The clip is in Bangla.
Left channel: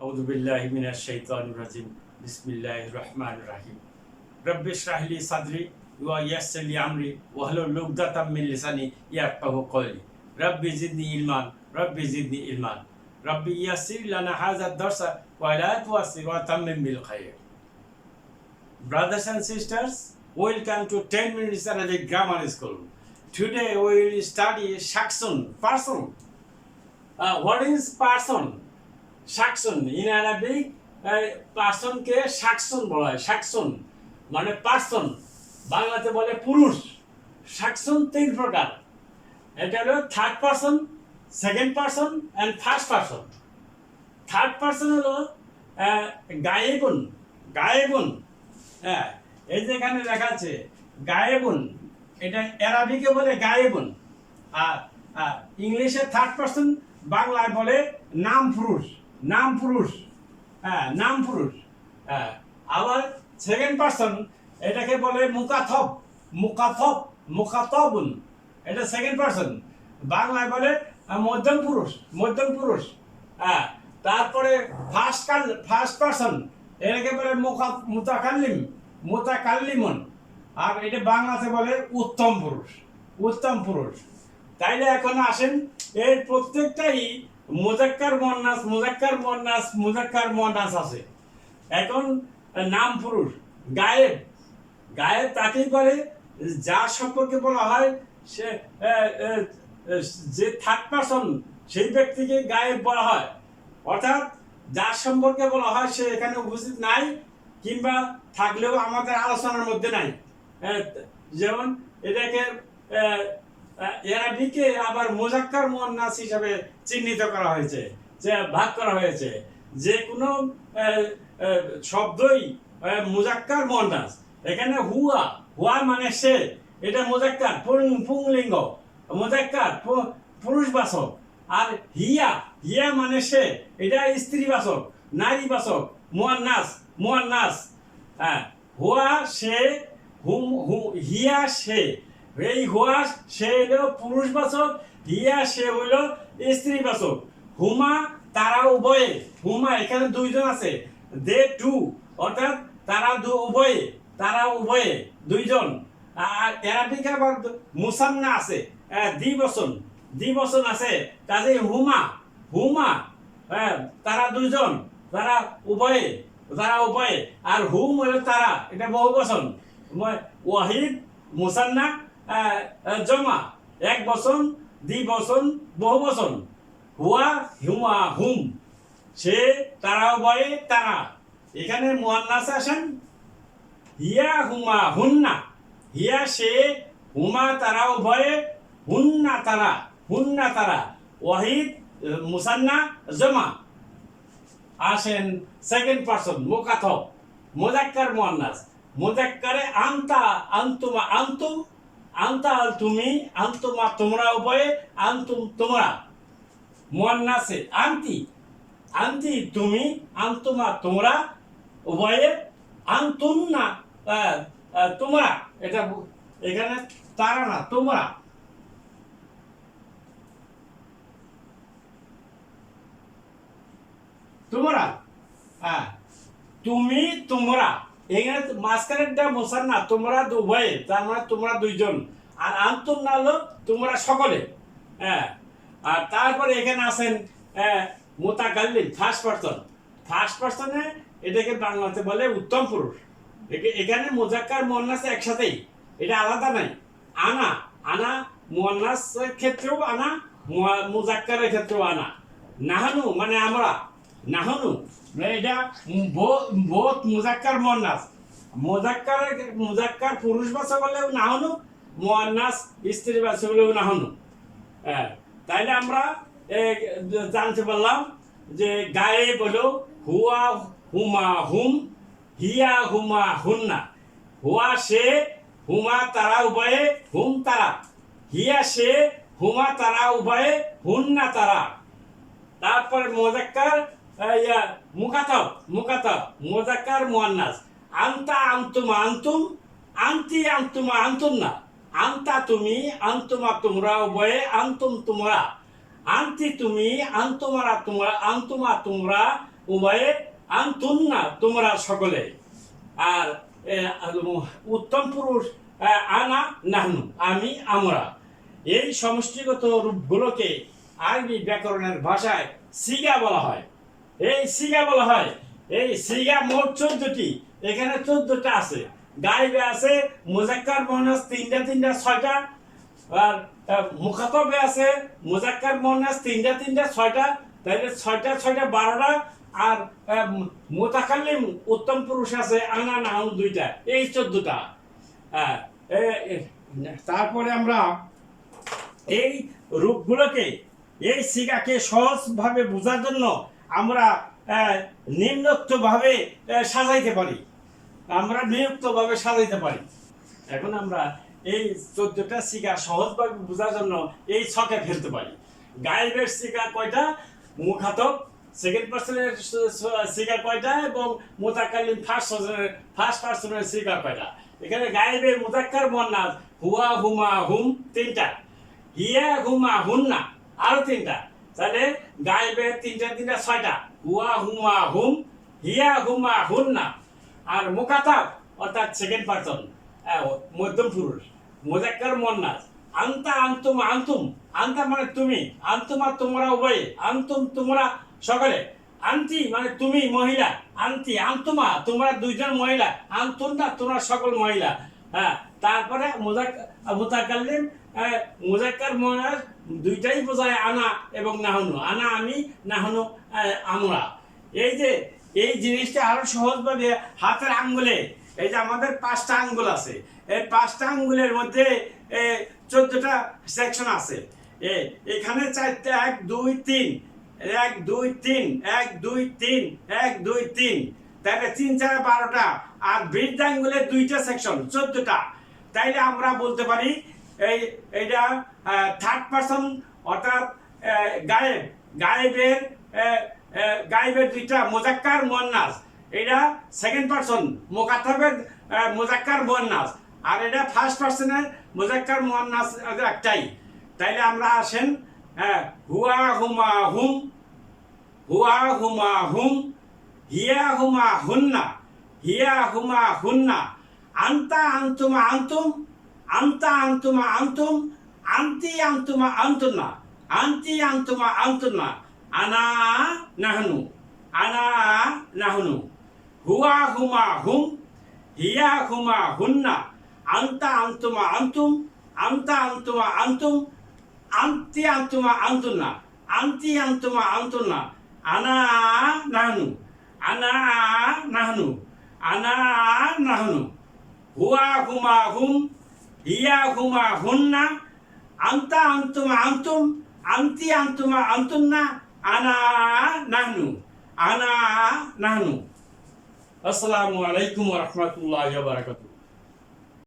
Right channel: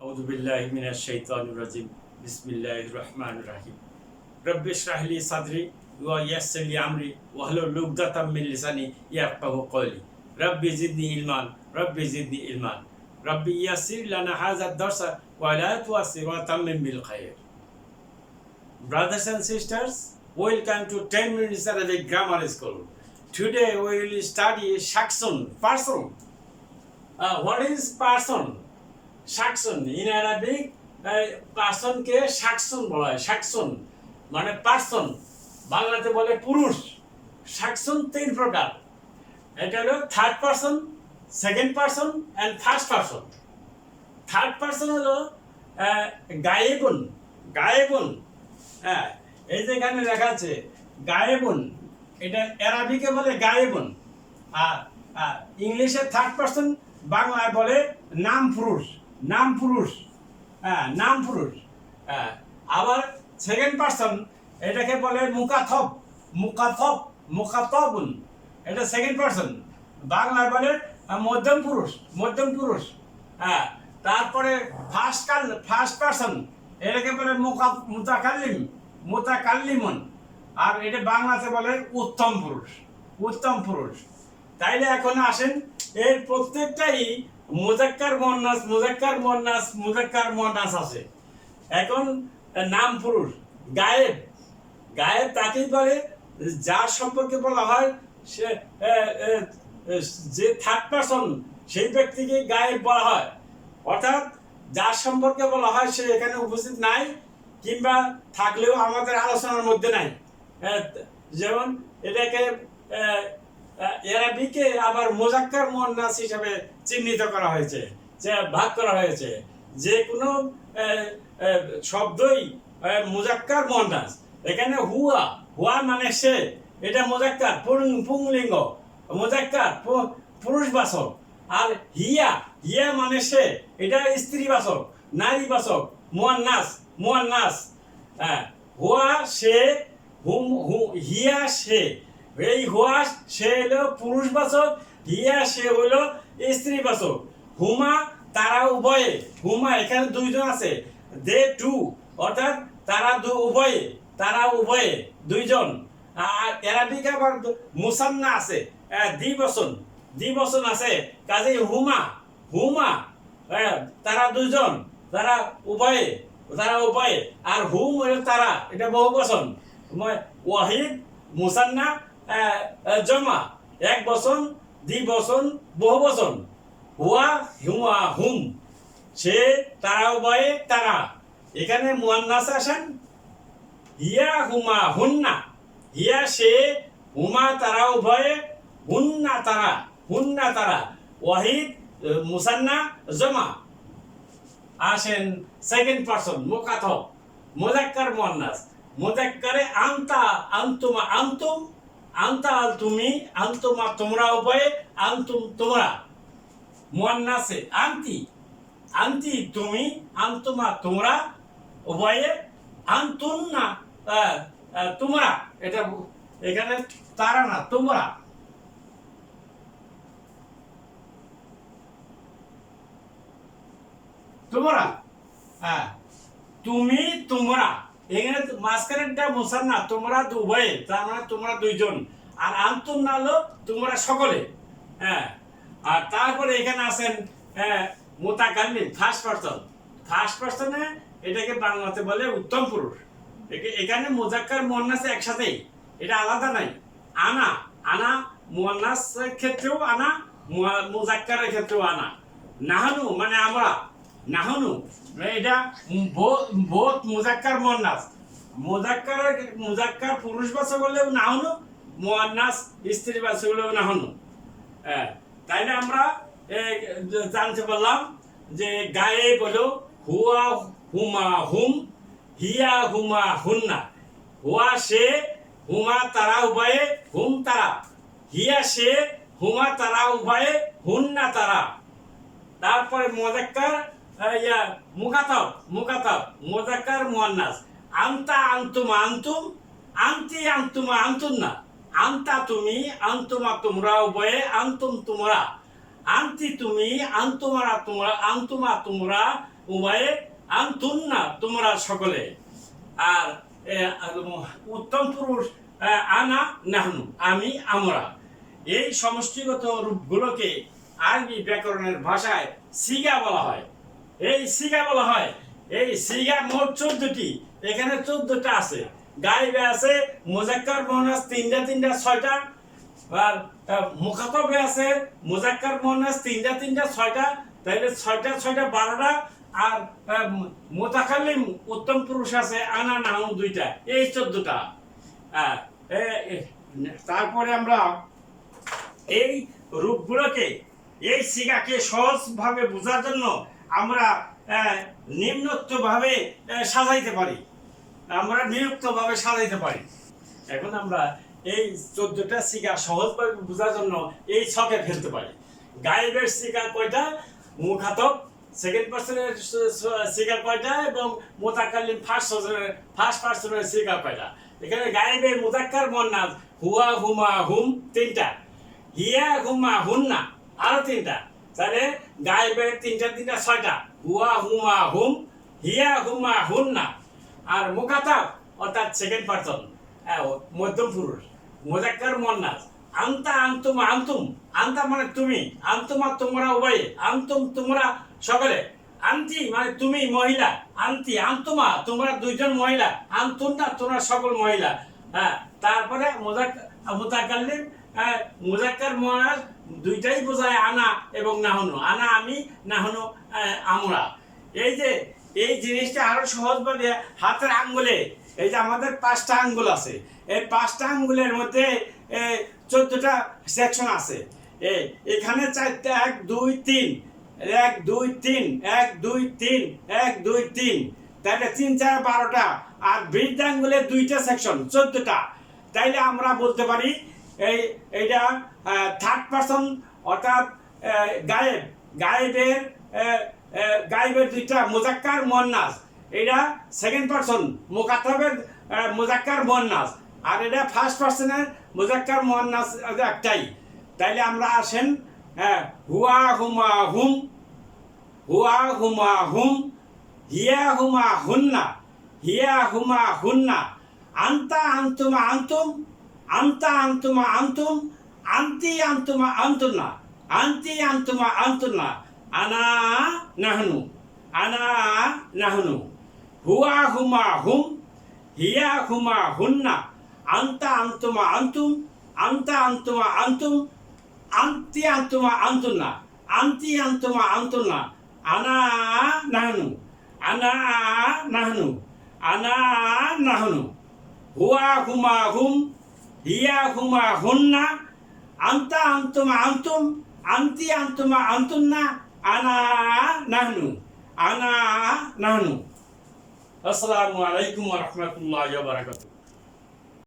أعوذ بالله من الشيطان الرجيم بسم الله الرحمن الرحيم رب اشرح لي صدري ويسر لي أمري واحلل عقدة من لساني يفقهوا قولي رب زدني علما رب زدني علما رب يسر لنا هذا الدرس ولا تعسر وتمم بالخير. Brothers and sisters, welcome to 10 minutes Arabic grammar school. Today we will study shakhsun, person. What is person? শাকসুন ইন আরবিক পার্সনকে শাকসুন বলা হয়। শাকসুন মানে পার্সন, বাংলাতে বলে পুরুষ। শাকসুন তিন প্রকার, এটা হলো third person, second person and first person. Third person হলো গায়েবুন। গায়েবুন, হ্যাঁ, এই যে এখানে লেখা আছে গায়েবুন, এটা আরবিকে বলে গায়েবুন। আর ইংলিশে থার্ড পার্সন, বাংলায় বলে নাম পুরুষ। নাম পুরুষ, হ্যাঁ, নাম পুরুষ। হ্যাঁ, আবার সেকেন্ড পার্সন এটাকে বলে মুকাথব। মুকাথব, মুকাতবুন, এটা সেকেন্ড পার্সন, বাংলায় বলে মধ্যম পুরুষ। মধ্যম পুরুষ, হ্যাঁ। তারপরে ফার্স্ট পার্সন এটাকে বলে মুতাকাল্লিম, মুতাকাল্লিমুন, আর এটা বাংলাতে বলে উত্তম পুরুষ। উত্তম পুরুষ। তাইলে এখন আসেন, এর প্রত্যেকটাই মুজাক্কার মুয়ান্নাস, মুজাক্কার মুয়ান্নাস, মুজাক্কার মুয়ান্নাস আছে। এখন নাম পুরুষ গায়েব। গায়েব তাকেই বলে যার সম্পর্কে বলা হয় সে যে থার্ড পারসন, সেই ব্যক্তিকে গায়েব বলা হয়। অর্থাৎ যার সম্পর্কে বলা হয় সে এখানে উপস্থিত নাই, কিংবা থাকলেও আমাদের আলোচনার মধ্যে নাই। যেমন এটাকে আরবিকে আবার মুজাক্কার মুয়ান্নাস হিসাবে চিহ্নিত করা হয়েছে, যে ভাগ করা হয়েছে। যে কোনো শব্দই মুজাক্কার মুয়ান্নাস। এখানে হুয়া, হুয়া মানে সে, এটা মুজাক্কার পুংলিঙ্গ, মুজাক্কার পুরুষবাচক। আর হিয়া, হিয়া মানে সে, এটা স্ত্রীবাচক, নারীবাচক, মুয়ান্নাস, মুয়ান্নাস। হ্যাঁ, হুয়া সে, হিয়া সে। এই হুয়া সে হলো পুরুষবাচক, হিয়া সে হলো স্ত্রীবাচক। হুমা তারা উভয়ে, হুমা এখানে দুইজন আছে, দে টু, অর্থাৎ তারা উভয়ে, তারা উভয়ে দুইজন। আর আরবিকে আবার মুসান্না আছে, দ্বিবচন, দ্বিবচন আছে। কাজেই হুমা, হুমা তারা দুইজন, তারা উভয়ে, তারা উভয়ে। আর হুম হলো তারা, এটা বহুবচন। ওয়াহিদ মুসান্না জমা, এক বচন, দ্বিবচন, বহুবচন। হুয়া, হুমা, হুম, সে, তারা উভয়ে, তারা। এখানে মুয়ান্নাস আসেন হিয়া, হুমা, হুন্না। হিয়া সে, হুমা তারা উভয়ে, হুন্না তারা, হুন্না তারা। ওয়াহিদ মুসান্না জমা। আসেন সেকেন্ড পারসন মুকাথব, মুজাক্কার মুয়ান্নাস। মুজাক্কারে আনতা, আনতুমা, আনতুম, আনতা তুমি, আনতুমা তোমরা উভয়ে, আনতুম তোমরা। মুয়ান্নাসে আনতি, আনতি তুমি, আনতুমা তোমরা উভয়ে, আনতুন্না তোমরা। এটা এখানে তারা না, তোমরা। তোমরা, হ্যাঁ, তুমি, তোমরা। এখানে মাঝখানেরটা মুসান্না, তোমরা উভয়ে, তার মানে তোমরা দুইজন। আর আনতুম না হলো তোমরা সকলে, হ্যাঁ। আর তারপরে এখানে আছেন মুতাকাল্লিম, ফার্স্ট পারসন। ফার্স্ট পারসনে এটাকে বাংলাতে বলে উত্তম পুরুষ। এখানে মুজাক্কার মুয়ান্নাস একসাথেই, এটা আলাদা নাই। আনা, আনা মুয়ান্নাসের ক্ষেত্রেও আনা, মুজাক্কারের ক্ষেত্রেও আনা। নাহানু মানে আমরা, নাহানু এটা বোথ মুজাক্কার মুয়ান্নাস। মুজাক্কার পুরুষবাচক হলেও নাহানু, মুয়ান্নাস স্ত্রীবাচক হলেও নাহানু। হ্যাঁ, তাইলে আমরা জানতে পারলাম যে গায়েব হলো হুয়া, হুমা, হুম, হিয়া, হুমা, হুন্না। হুয়া সে, হুমা তারা উভয়ে, হুম তারা। হিয়া সে, হুমা তারা উভয়ে, হুন্না তারা। তারপরে মুজাক্কার মুকাতাব, মুকাতাব মুজাক্কার মুয়ান্নাস। আনতা, আনতুমা, আনতুম, আনতি, আনতুমা, আনতুন্না। আনতা তুমি, আনতুমা তোমরা উভয়ে, আনতুম তোমরা। আন্তি তুমি, আন্তুমারা তোমরা, আন্তুমা তোমরা উভয়ে, আন্তুন্না তোমরা সকলে। আর উত্তম পুরুষ আনা নাহনু আমি আমরা। এই সমষ্টিগত রূপগুলোকে আরবি ব্যাকরণের ভাষায় সিগা বলা হয়। এই সিগা বলা হয়। এই সিগা মোট 14টি, এখানে 14টা আছে। গায়েবে আছে মুজাক্কার মুয়ান্নাস তিনটা 6টা, আর মুখাতাবে আছে মুজাক্কার মুয়ান্নাস তিনটা 6টা, তাইলে 6টা 12টা। আর মুতাকাল্লিম উত্তম পুরুষ আছে আনা নাহনু 2টা, এই 14টা। তারপরে আমরা এই রূপগুলোকে, এই সিগাকে সহজভাবে বোঝার জন্য আমরা নিম্নোক্তভাবে সাজাইতে পারি। এখন আমরা এই 14টা সিগা সহজভাবে বোঝার জন্য এই ছকে ফেলতে পারি। গায়েবের সিগা কয়টা, মুখাতব সেকেন্ড পার্সনের সিগা কয়টা, এবং মুতাকাল্লিম ফার্স্ট পার্সনের সিগা কয়টা। এখানে গায়েবের মুজাক্কার মুয়ান্নাস হুয়া হুমা হুম 3টা, হিয়া হুমা হুন্না আরো 3টা। তাহলে গায়েবের 3টা 6টা, হুয়া হুমা হুম, হিয়া হুমা হুন্না। আর মুখাতাব অর্থাৎ সেকেন্ড পার্সন মধ্যম পুরুষ মুজাক্কার মুয়ান্নাস আনতা আনতুমা আনতুম, আনতা মানে তুমি, আনতুমা তোমরা উভয়ে, আনতুম তোমরা সকলে, আন্তি মানে তুমি মহিলা, আন্তি আনতুমা তোমরা 2জন মহিলা, আনতুন্না তোমরা সকল মহিলা। তারপরে মুতাকাল্লিম মুজাক্কার মুয়ান্নাস 2টাই বোঝায় আনা এবং নাহনু, আনা আমি, নাহনু আমরা। এই যে এই জিনিসটা আরো সহজভাবে হাতের আঙ্গুলে, এই যে আমাদের 5টা আঙ্গুল আছে, এই 5টা আঙ্গুলের মধ্যে 14টা সেকশন আছে। এখানে 4টা 1 2 3 1 2 3 1 2 3 1 2 3, তাহলে 3 4 12টা। আর বৃদ্ধ আঙ্গুলের 2টা সেকশন 14টা। তাইলে আমরা বলতে পারি এইটা থার্ড পার্সন, অর্থাৎ গায়েবের 2টা মুজাক্কার মুয়ান্নাস, এটা সেকেন্ড পার্সন মুখাতাবের মুজাক্কার মুয়ান্নাস, আর এটা ফার্স্ট পার্সনের মুজাক্কার মুয়ান্নাস একটাই। তাইলে আমরা আসেন হুয়া হুমা হুম, হুয়া হুমা হুম, হিয়া হুমা হুন্না, হিয়া হুমা হুন্না, আনতা আনতুমা আনতুম, আনতা আনতুমা আনতুম, আন্তি আনতুমা আনতুন্না, আন্তি আনতুমা আনতুন্না, আনা নাহনু, আনা নাহনু, হুয়া হুমা হুম, হিয়া হুমা হুন্না, আনতা আনতুমা আনতুম, আনতা আনতুমা আনতুম, আন্তি আনতুমা আনতুন্না, আন্তি আনতুমা আনতুন্না, আনা নাহনু, আনা নাহনু, আনা নাহনু, হুয়া হুমা হুম, হিয়া হুমা হুন্না, আনতা আনতুমা আনতুম, আন্তি আনতুমা আনতুন্না, আনা নাহনু, আনা নাহনু। আসসালামু আলাইকুম ওয়া রাহমাতুল্লাহি ওয়া বারাকাতুহু।